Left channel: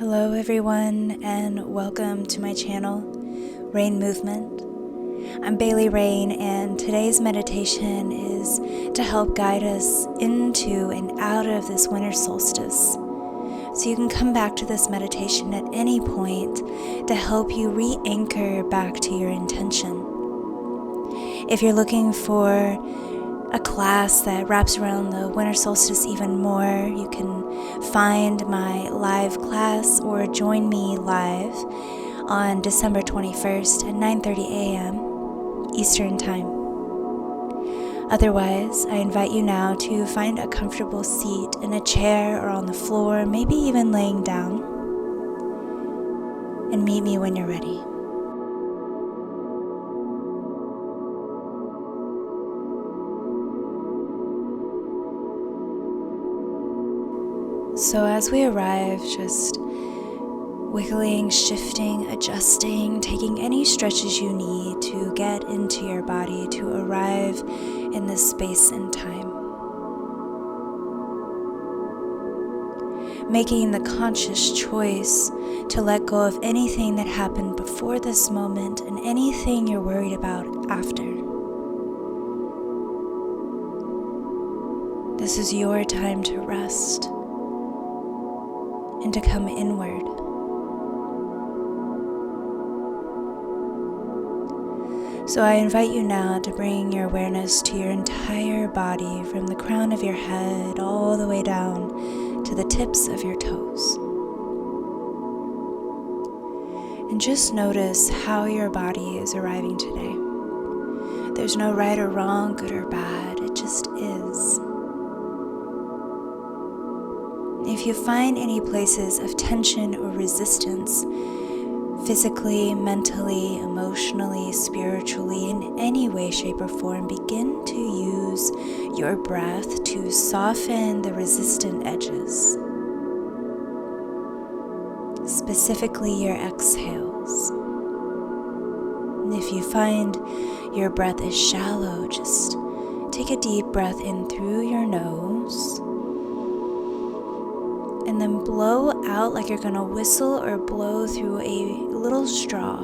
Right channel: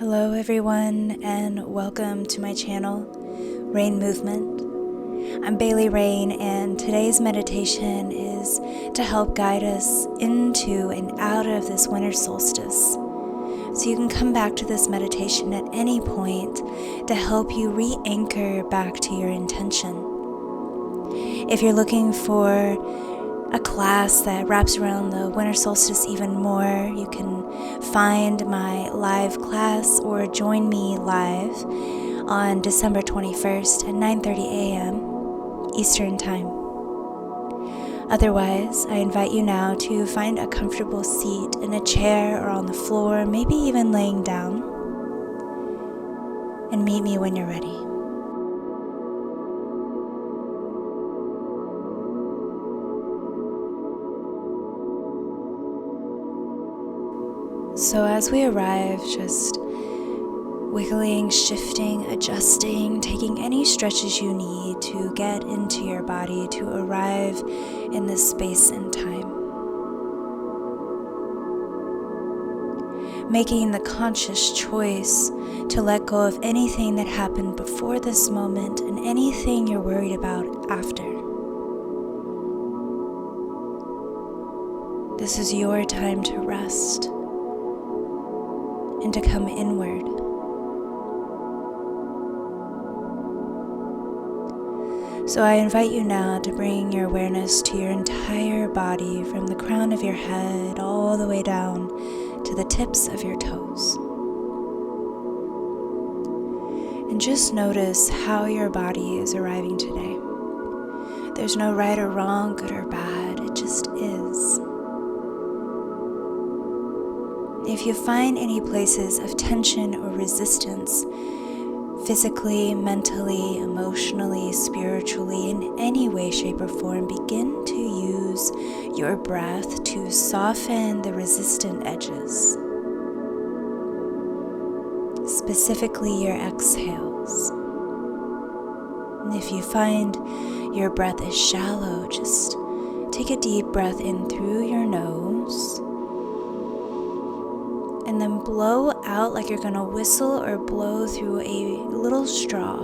Hello everyone, and welcome to my channel, Rayne Movement. I'm Rayne, and today's meditation is to help guide us into and out of this winter solstice. So you can come back to this meditation at any point to help you re-anchor back to your intention. If you're looking for a class that wraps around the winter solstice even more, you can find my live class or join me live on December 21st at 9:30 a.m. Eastern Time. Otherwise, I invite you now to find a comfortable seat in a chair or on the floor, maybe even laying down, and meet me when you're ready. So as we arrive, just wiggling, shifting, adjusting, taking any stretches you need to get into your body to arrive in this space and time. Making the conscious choice to let go of anything that happened before this moment and anything you're worried about after. This is your time to rest and to come inward. So I invite you now to bring your awareness to your entire body, from the crown of your head all the way down to the tips of your toes. And just notice how your body is arriving today. There's no right or wrong, good or bad, it just is. If you find any places of tension or resistance, physically, mentally, emotionally, spiritually, in any way, shape, or form, begin to use your breath to soften the resistant edges. Specifically, your exhales. And if you find your breath is shallow, just take a deep breath in through your nose. And then blow out like you're going to whistle or blow through a little straw.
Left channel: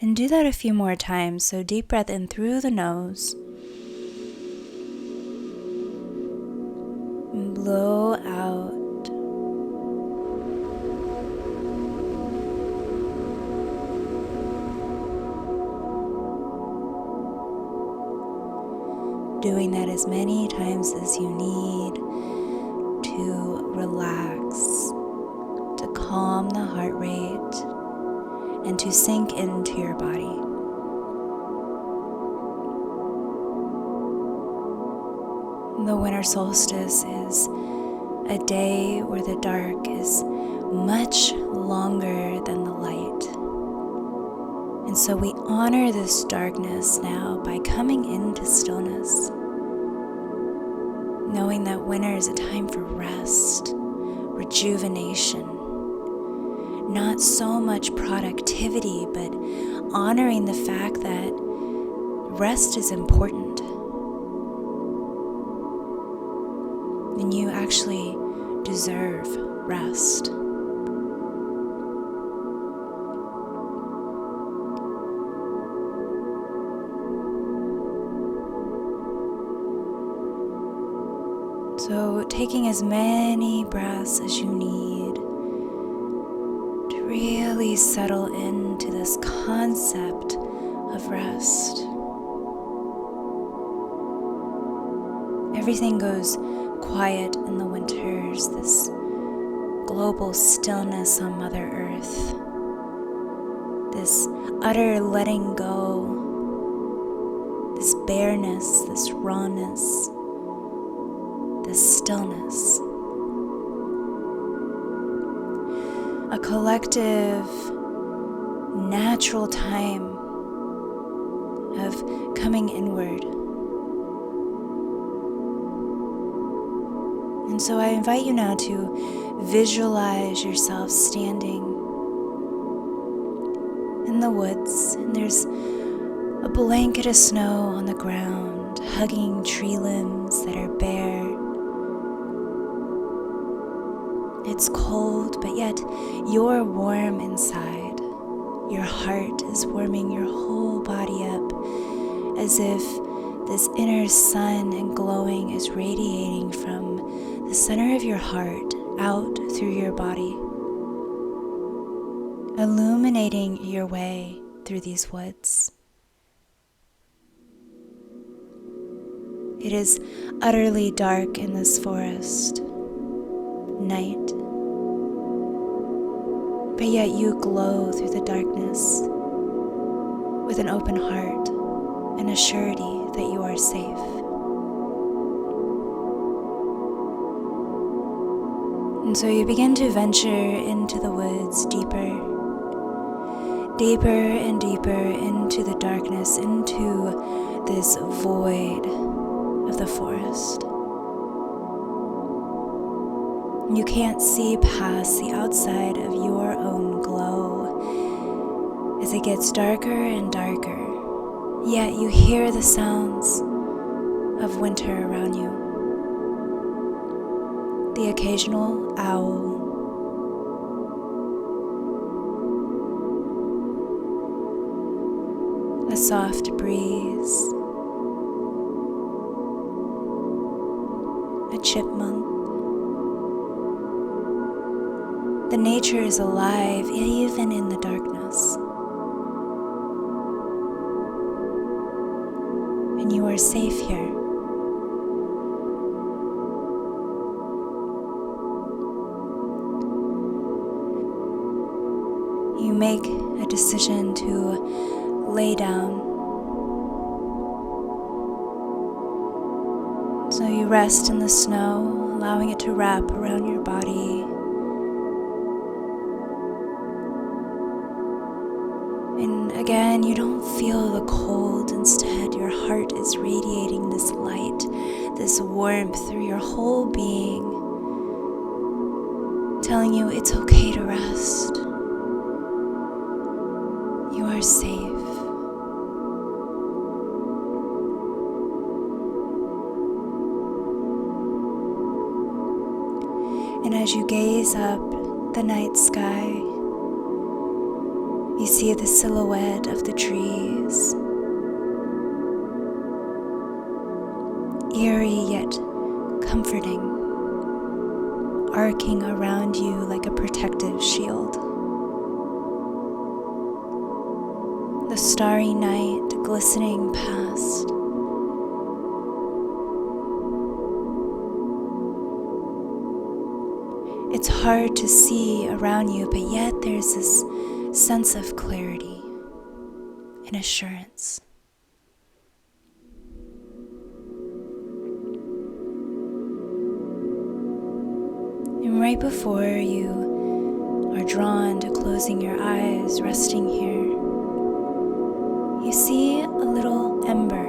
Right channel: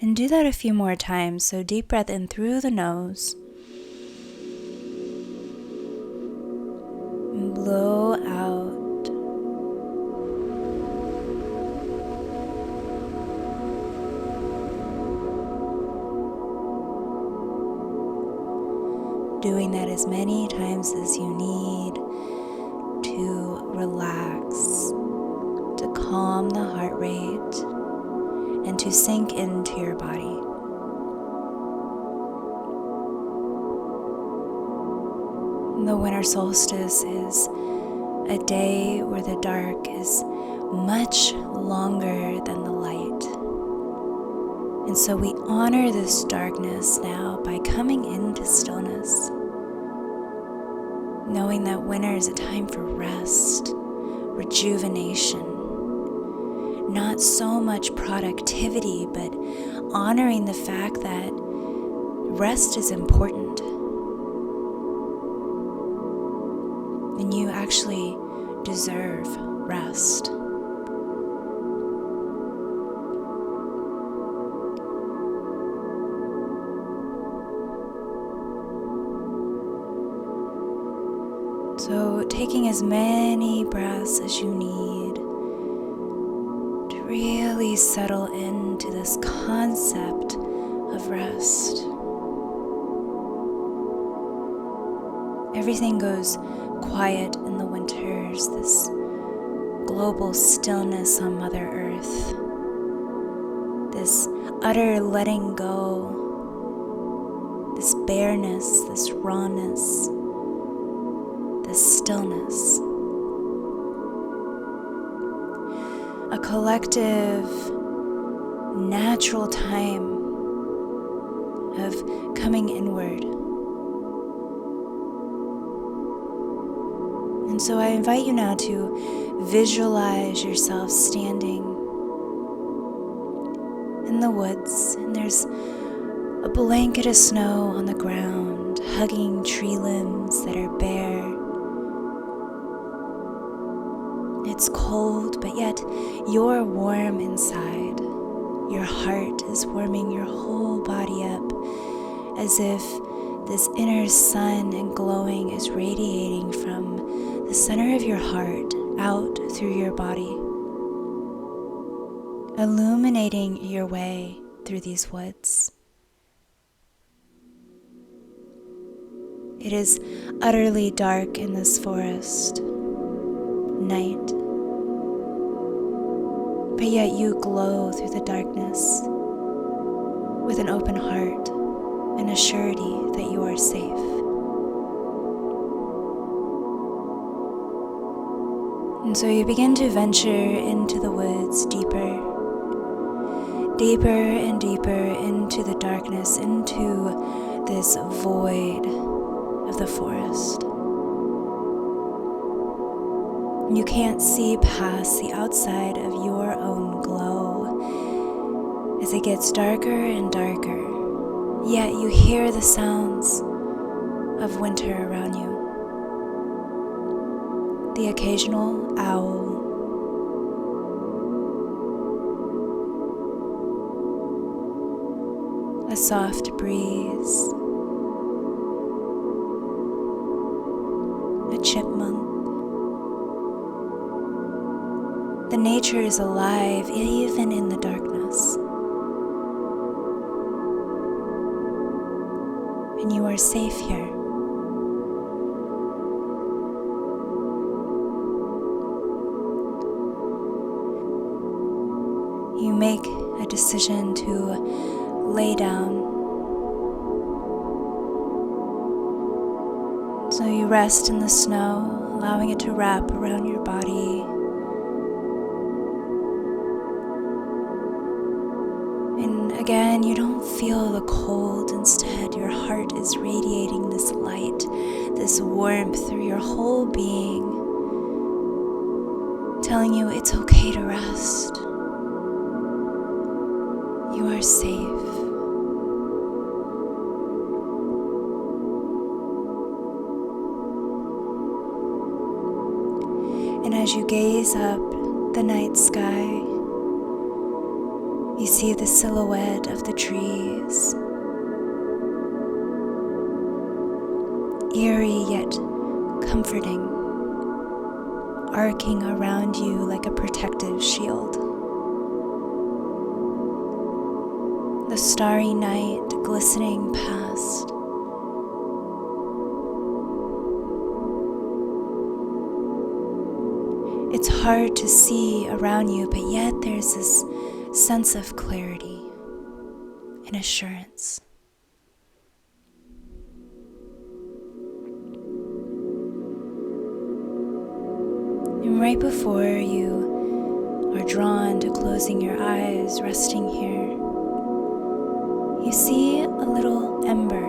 And do that a few more times. So deep breath in through the nose. And blow out. Doing that as many times as you need to relax, to calm the heart rate, and to sink into your body. The winter solstice is a day where the dark is much longer than the light. And so we honor this darkness now by coming into stillness, knowing that winter is a time for rest, rejuvenation, not so much productivity, but honoring the fact that rest is important. And you actually deserve rest. So taking as many breaths as you need to really settle into this concept of rest. Everything goes quiet in the winters, this global stillness on Mother Earth, this utter letting go, this bareness, this rawness, this stillness. A collective, natural time of coming inward. And so I invite you now to visualize yourself standing in the woods, and there's A blanket of snow on the ground, hugging tree limbs that are bare. It's cold, but yet you're warm inside. Your heart is warming your whole body up, as if this inner sun and glowing is radiating from the center of your heart out through your body, illuminating your way through these woods. It is utterly dark in this forest, night, but yet you glow through the darkness with an open heart and a surety that you are safe. And so you begin to venture into the woods deeper and deeper into the darkness, into this void of the forest. You can't see past the outside of your own glow as it gets darker and darker, yet you hear the sounds of winter around you. The occasional owl, a soft breeze, a chipmunk. The nature is alive even in the darkness. And you are safe here. You make a decision to lay down. So you rest in the snow, allowing it to wrap around your body. And again, you don't feel the cold. Instead, your heart is radiating this light, this warmth through your whole being, telling you it's okay to rest. You are safe. And as you gaze up the night sky, you see the silhouette of the trees, eerie yet comforting, arcing around you like a protective shield. The starry night glistening past. It's hard to see around you, but yet there's this sense of clarity and assurance. And right before you are drawn to closing your eyes, resting here, you see a little ember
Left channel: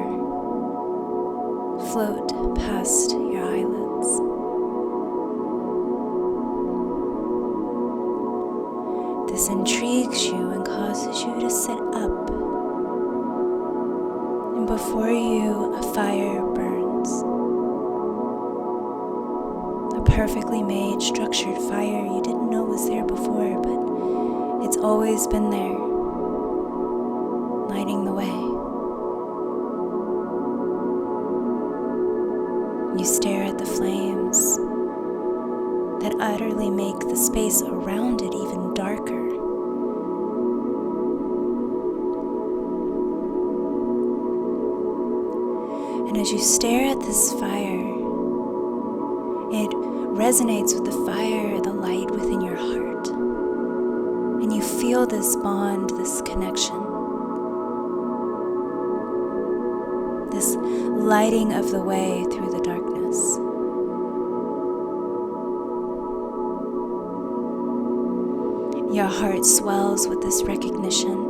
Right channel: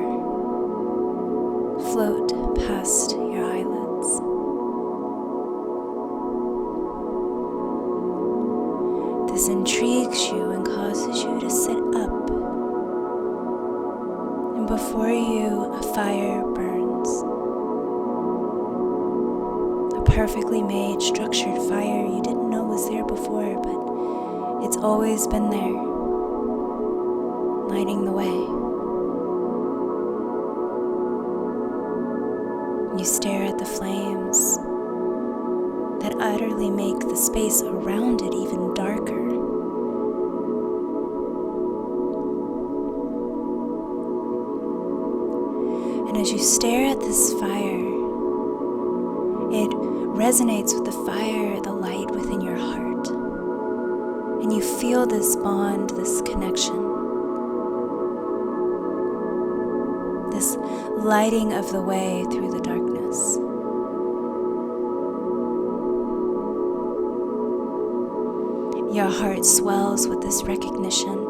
float past your eyelids. This intrigues you and causes you to sit up. And before you, a fire burns. A perfectly made, structured fire you didn't know was there before, but it's always been there, lighting the way. You stare at the flames that utterly make the space around it even darker. And as you stare at this fire, it resonates with the fire, the light within your heart. And you feel this bond, this connection, this lighting of the way through the darkness. Your heart swells with this recognition.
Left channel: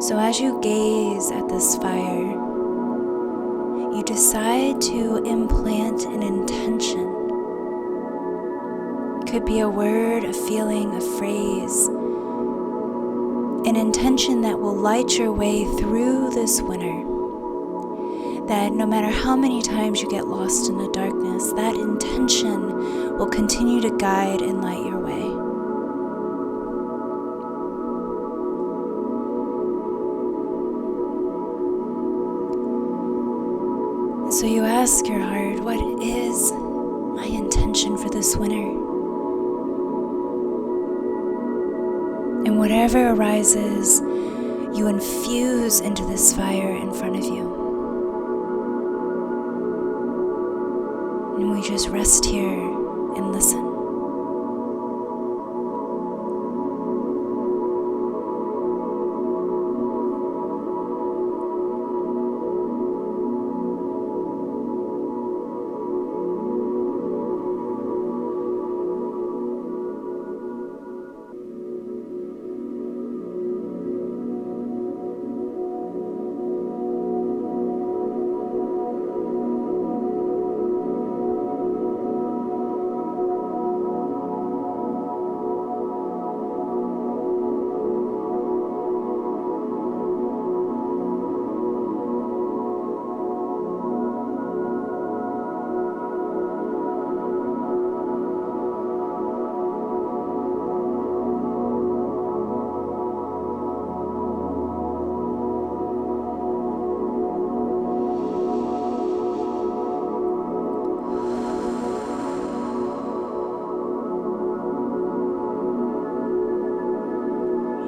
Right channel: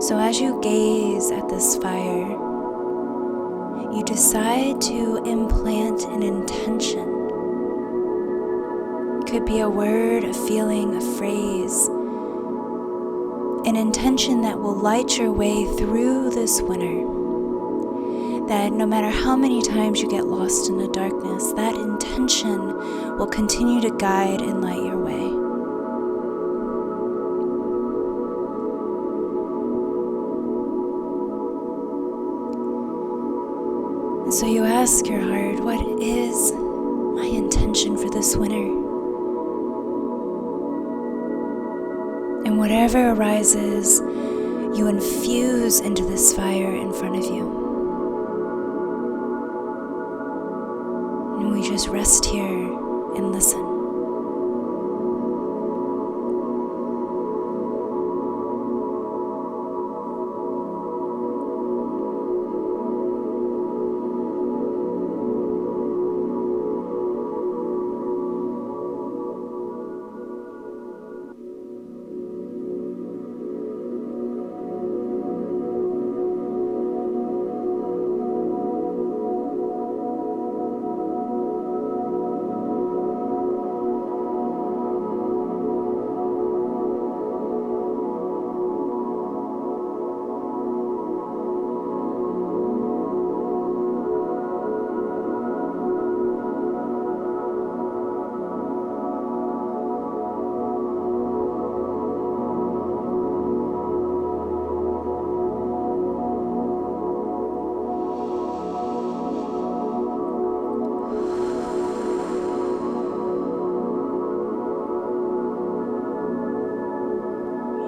So as you gaze at this fire, you decide to implant an intention. It could be a word, a feeling, a phrase an intention that will light your way through this winter. That no matter how many times you get lost in the darkness, that intention will continue to guide and light your way. And so you ask your heart, what is my intention for this winter? And whatever arises, you infuse into this fire in front of you. And we just rest here and listen.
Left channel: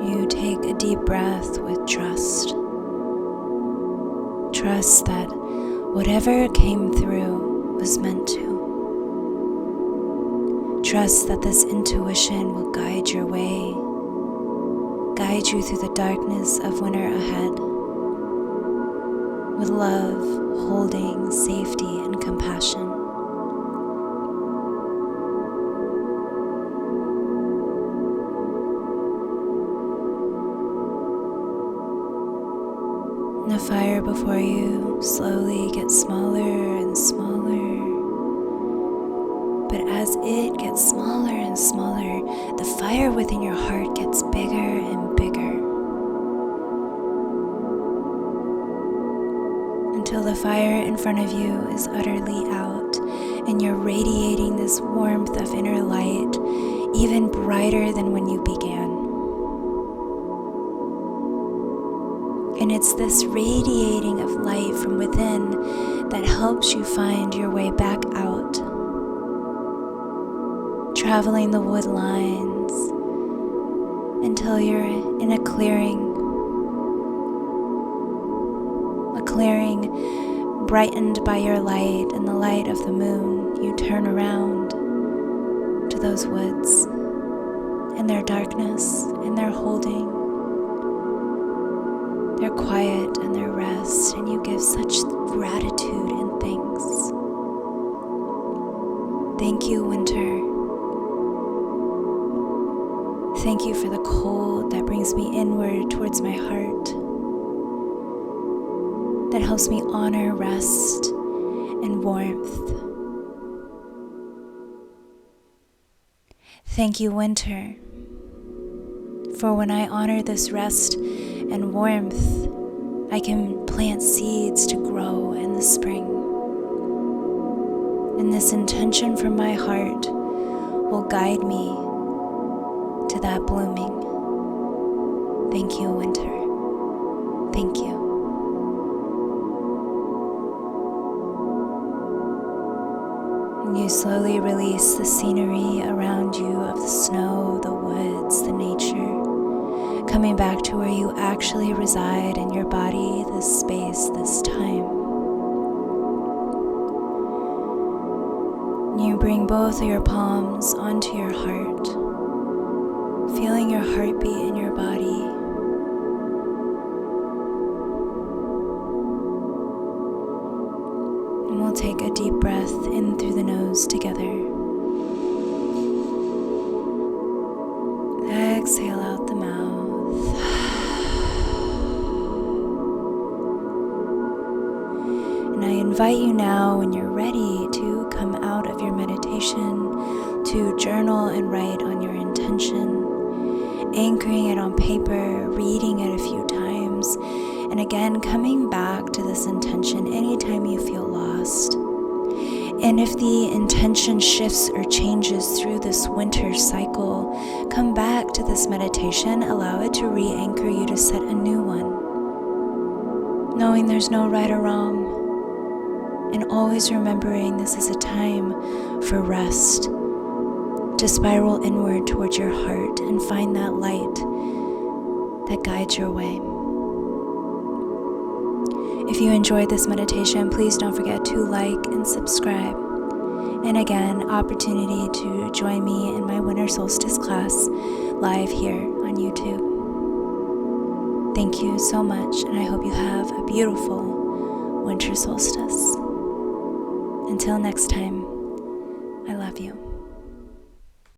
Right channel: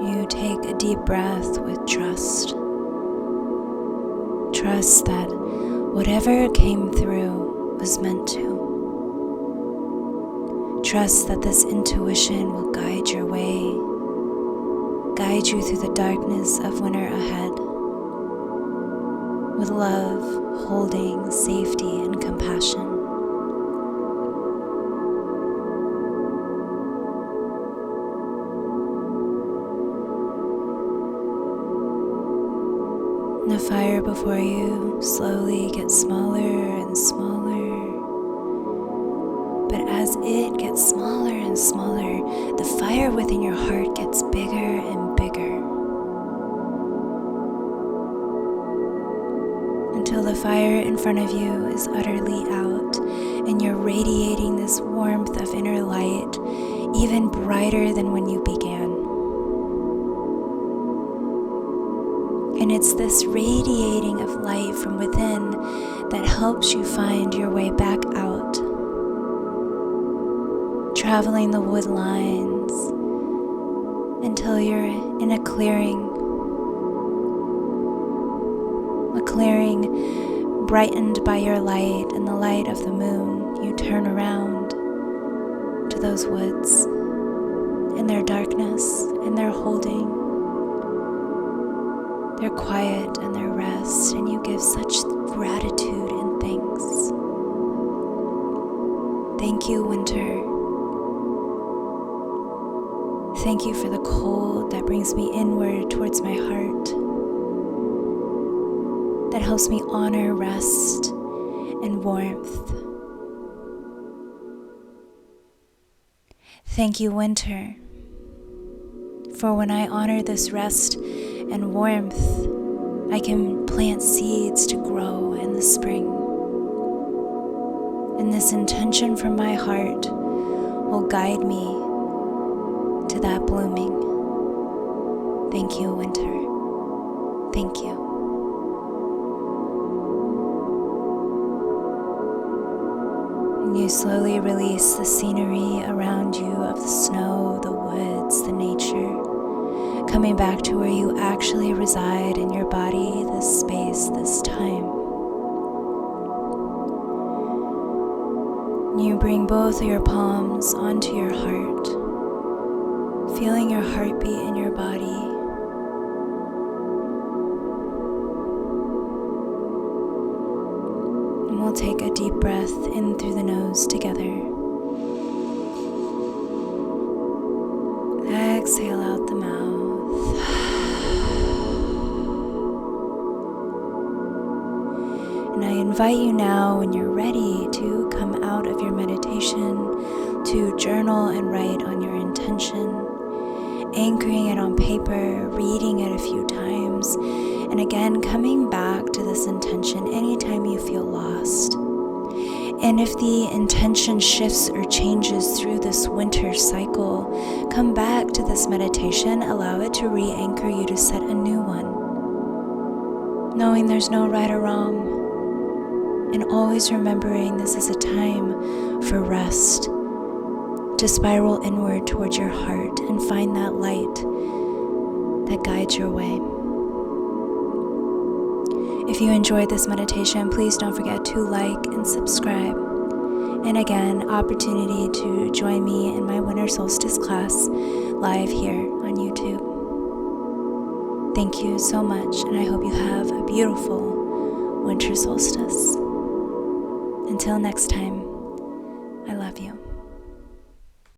You take a deep breath with trust. Trust that whatever came through was meant to. Trust that this intuition will guide your way, guide you through the darkness of winter ahead, with love, holding, safety, and compassion. The fire before you slowly gets smaller and smaller. But as it gets smaller and smaller, the fire within your heart gets bigger and bigger. Until the fire in front of you is utterly out, and you're radiating this warmth of inner light, even brighter than when you began. And it's this radiating of light from within that helps you find your way back out, traveling the wood lines until you're in a clearing brightened by your light and the light of the moon. You turn around to those woods and their darkness and their holding, their quiet and their rest, and you give such gratitude and thanks. Thank you, winter. Thank you for the cold that brings me inward towards my heart, that helps me honor rest and warmth. Thank you, winter, for when I honor this rest and warmth, I can plant seeds to grow in the spring. And this intention from my heart will guide me to that blooming. Thank you, winter. Thank you. And you slowly release the scenery around you of the snow, the woods, the nature, coming back to where you actually reside in your body, this space, this time. You bring both of your palms onto your heart, feeling your heartbeat in your body. And we'll take a deep breath in through the nose together. Exhale out the mouth. And I invite you now, when you're ready, to come out of your meditation, to journal and write on your intention, anchoring it on paper, reading it a few times, and again coming back to this intention anytime you feel lost. And if the intention shifts or changes through this winter cycle, come back to this meditation, allow it to re-anchor you to set a new one, knowing there's no right or wrong, and always remembering this is a time for rest, to spiral inward towards your heart and find that light that guides your way. If you enjoyed this meditation, please don't forget to like and subscribe. And again, opportunity to join me in my winter solstice class live here on YouTube. Thank you so much, and I hope you have a beautiful winter solstice. Until next time, I love you.